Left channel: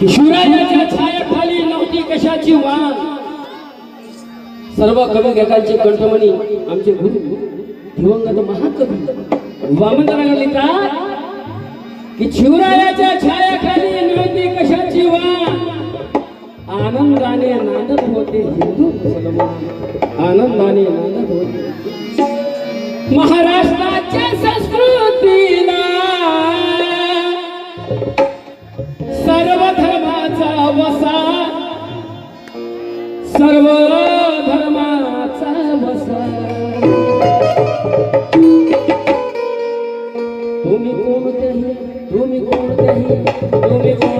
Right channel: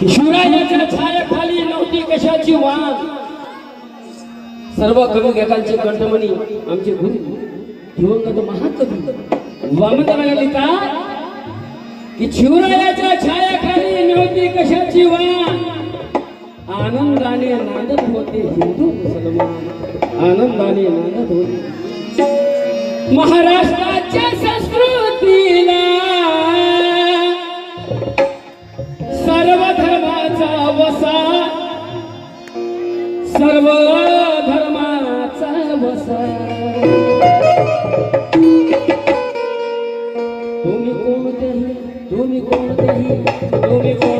शिवरायाच्या छायाखाली नव्हती कशाची वाण. सर्व कवी गायकांचे कंठमणी आमचे गुरु दिवंगत महाकवी वामनराव लिहितात की शिवरायाच्या छायाखाली नव्हती कशाची वाण. आनंदाने नांदत होते हिंदू आनंदाने नांदत होते. महाराष्ट्राच्या संस्कृतीला धर्माचा वसा तुम्ही कोणतेही तुम्ही कोणतेही तुम्ही कोणतेही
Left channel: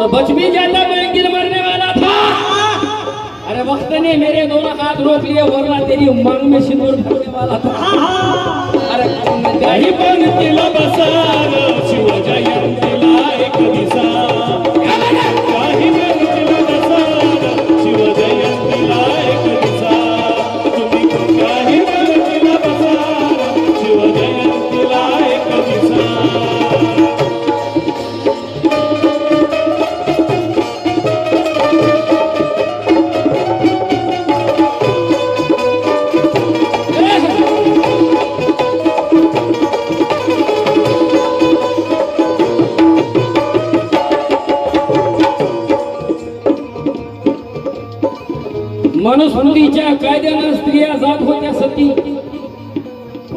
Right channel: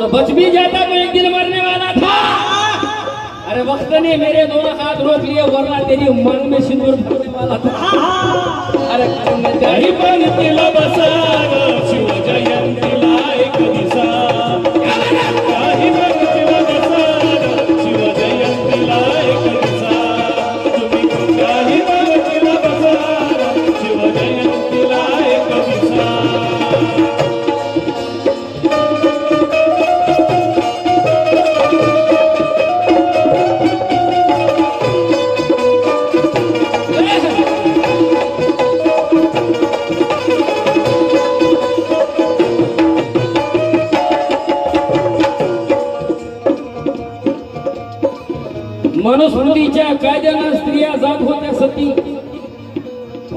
और बच भी जाता मैं एक दिन मरने वाला था। अरे वक्त ने मेरे दोनों हाथ रोक लिए वरना तेरी मांग में सिंदूर भरने वाला था। अरे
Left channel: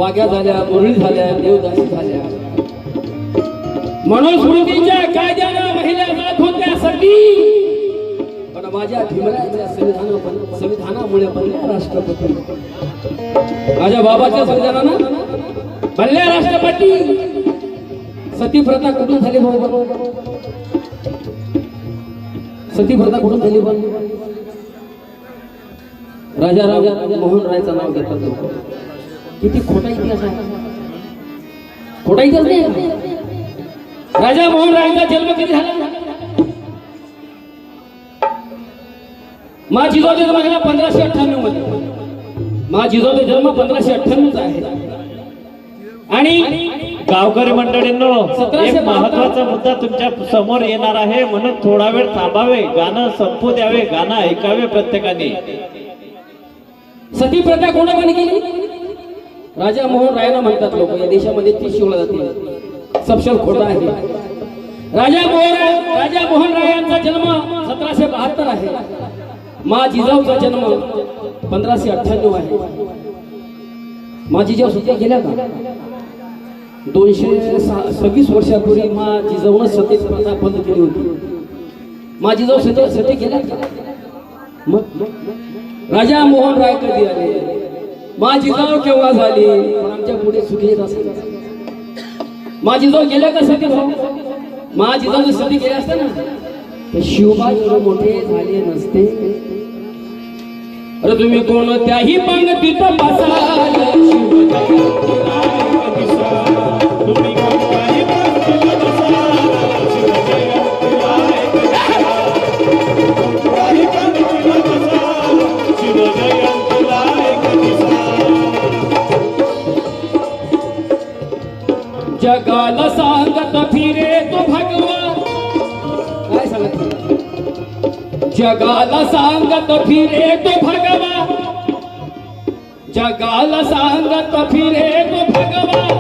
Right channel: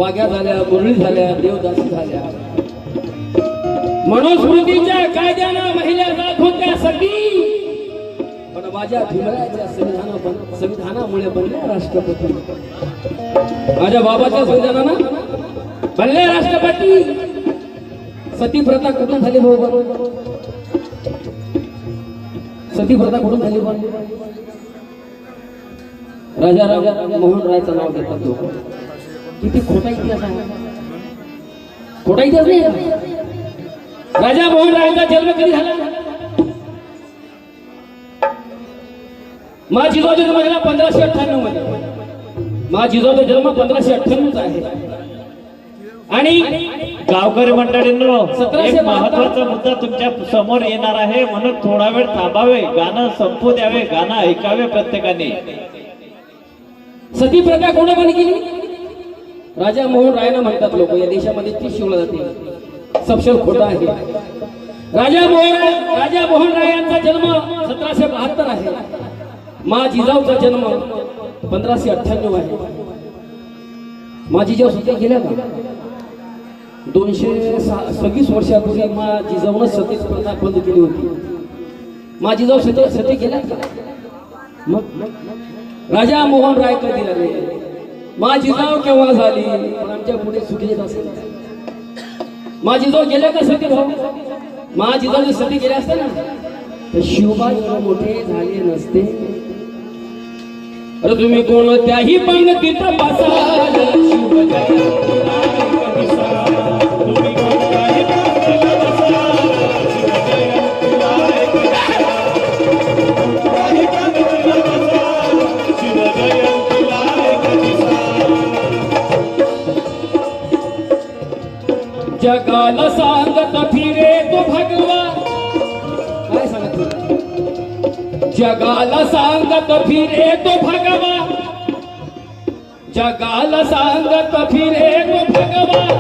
वाघ्या झाल्या मुरळी झाल्या देवदासी झाल्या. मनुस्मृतीच्या कायद्यानं महिला जात होत्या सगळी. पण माझ्या भीमराच्या संविधाना संविधानामुळे बनल्या राष्ट्रपती. माझ्या बाबाच्या संविधानानं बनल्या राष्ट्रपती. सती प्रथा कुठून झाली बरोबर? सती प्रथा कुठून झाली बरोबर? राजा राजा मोहन रायचं नाव घेतात लोक. किती खोटा इतिहास आहे. खोटा इतिहास नाही. राजा मोहन रायचा जन्म कधी झाला? मा जिजाऊचा जन्म झाला पंधराशे अठ्ठ्याण्णवमध्ये. मा जिजाऊचा जन्म पंधराशे अठ्ठ्याण्णवचा आहे. आणि गावकरी मंडळींनो एक महत्त्वाचा मुद्दा तुमच्यासमोर येणार आहे. म्हणून थोडा वेळ थांबावे गाणं संपू द्यावे गाणं ऐकावे प्रत्येकाने. सती प्रथा कोणा बंद केली? राजा मोहन रायला म्हणतात लोक या देशामध्ये ती शिवला जाते सपशेल खोटा आहे. राजा मोहन राय राजा मोहन राय यांचा जन्म सतराशे बहात्तर आहे. मा जिजाऊचा जन्म पंधराशे अठ्ठ्याण्णव आहे. मा जिजाऊ सध्या गेल्या का? दोनशे सव्वीस वर्षापूर्वी मा जिजाऊन सतीच प्रथा बंद केली होती. मा जिजाऊ सत्य सत्य गेल्या का? मग? राजा मोहन राय कधी आले? माझी जाव केव्हा झाली? आमच्या पुढे चुकलेच असेल. माझी जाव गेल्या का सती भाऊ? माझी जाऊ जर सती गेल्या असत्या ना तर शिवबा एवढे मोठे झाले नसते. अरे तुम्ही कोणत्याही पंगतीत बसाल. जगाल सांगत फिरे तू भगवा काय सांगत जगाल सांगत फिरे तो भगवा जगाल सांगत फिरे तो भगवान.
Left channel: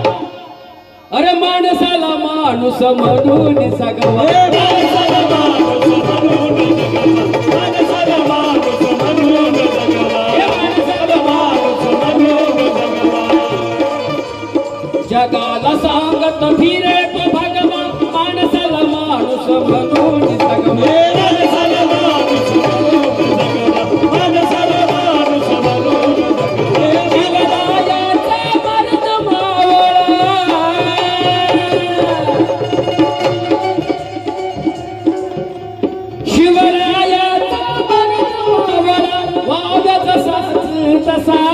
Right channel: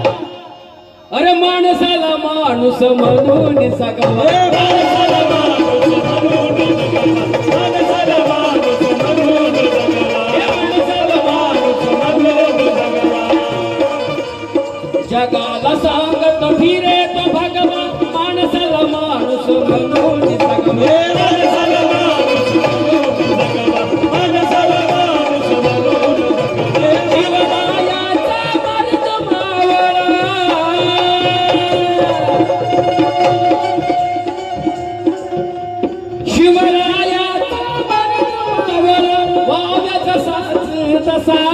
अरे माणसाला माणूस म्हणून सगवा तसा.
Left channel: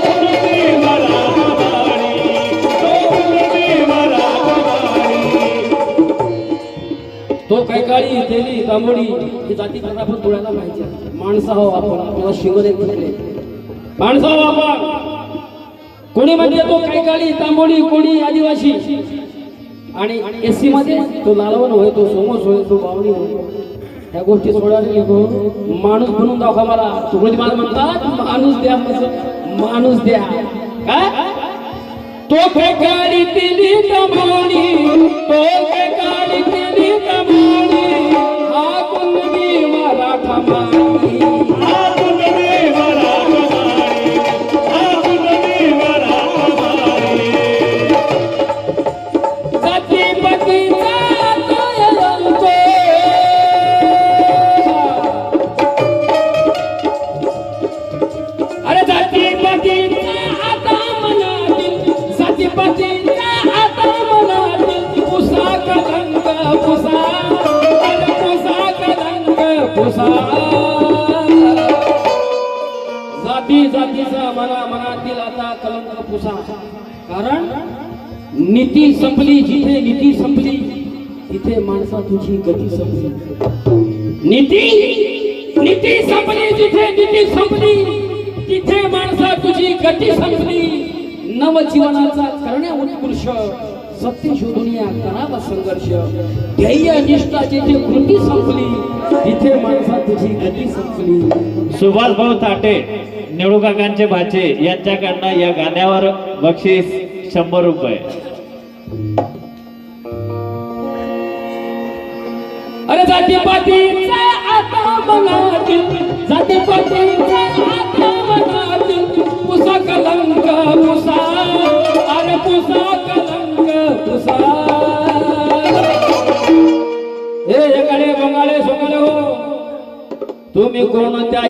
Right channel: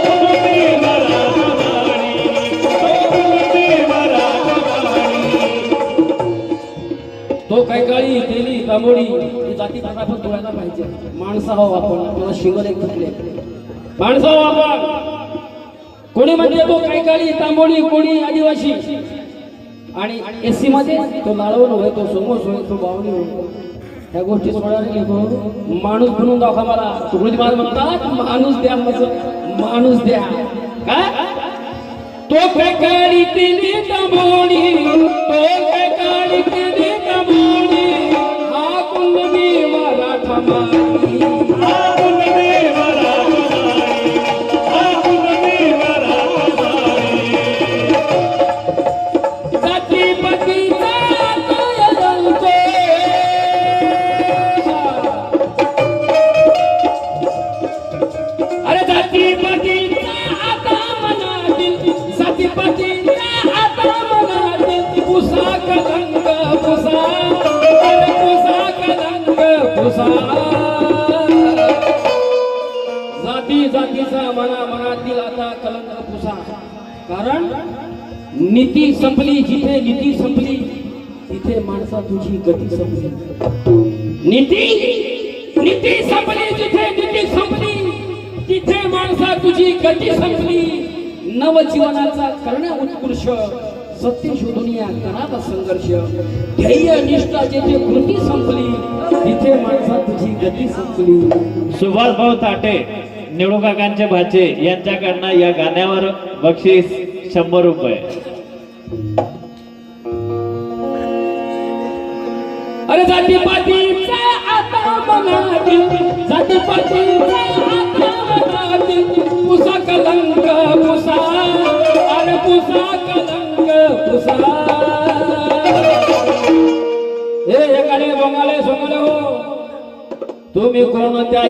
ही जाती पण डोळ्याला पाहिजे. माणसं हो आपण आपल्याला शिवर एक धरले माणसा हो आपण. कोणी म्हणजे तो काही काळी तांबोळी कोणी आदिवासी. आणि एस सी मध्ये तो लालवण होय तो समोस होय तो बावणी होय. त्या गोष्टी सोडायला गेलो. माणूस म्हणून दाखवा मला. तुम्ही मला म्हणतात माणूस द्या म्हणजे माणूस द्या. काय? तो काय केली कमाणी तो काय केली कमाणी जाती मना मनातील आता कारण नीती संपली जिथे नीती संपली, तिथे माणसा तुझी गती संपली। नीती नीती संपली जिथे नीती संपली, तिथे माणसा तुझी गती संपली। नवजीवनाचा करण्या उत्कृष्ट. सत्य शोधून या करावा संघर्ष ध्येय निष्ठा जिथे कृती संपली तिथे माणसा तुझी गती संपली. सुभाष भाऊ ताटे निवडूकाकांचे भाचे यांच्याकडनं या गाण्यावर बक्षीस शंभर रुपये. अरे जाती पातीचा